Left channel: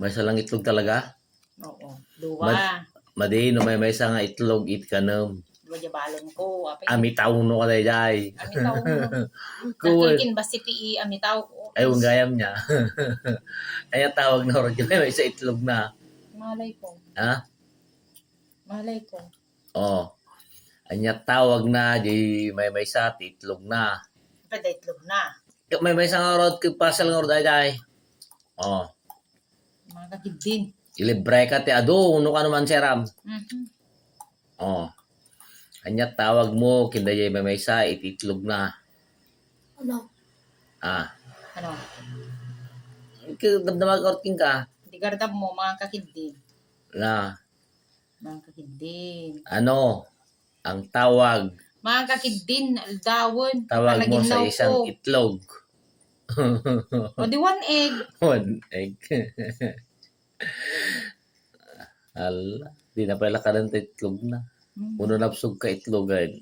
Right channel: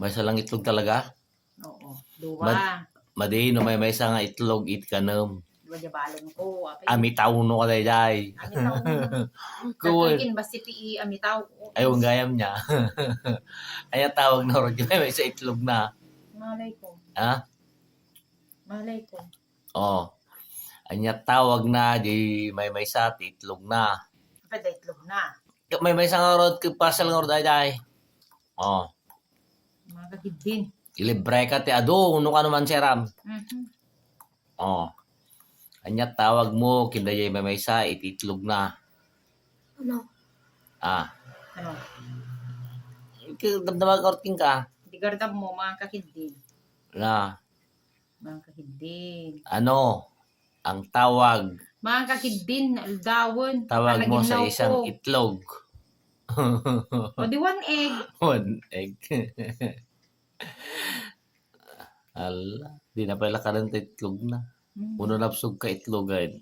May salang itlog talaga. Oo. Duwa. Madino may isa nga itlog it kanam. Duwa di balon ko. Apay. Amitaw no ka jay. Amitaw mo. Kuwan. Nagkalikin ba si PE amitaw? Ay, ang gayam niya. Ay, tawag na rin may isa itlog na. Malay ko. Ha? Malay ko. Oh. Anya tawag na di may isa itlog na. Apay da itlog na. May isa nga rod pasal nga rod ay. Oh. Mga kagidin. Ilibre ka ti ado uno ka naman seram. Oh. Anya tawag mo kinda jay may isa itlog na. Ano? Ano? Damdamag orting ka. Di gardam mo mga kakidin. Na. Mga kakidin. Ano? Ang tawag. Mga kakidin. Aldawon. Tawag mo sa Palaginaw isang ko. itlog. O di one egg. One egg. Ala. Di na pala ka ng itlog na. Uno napsog ka itlogan.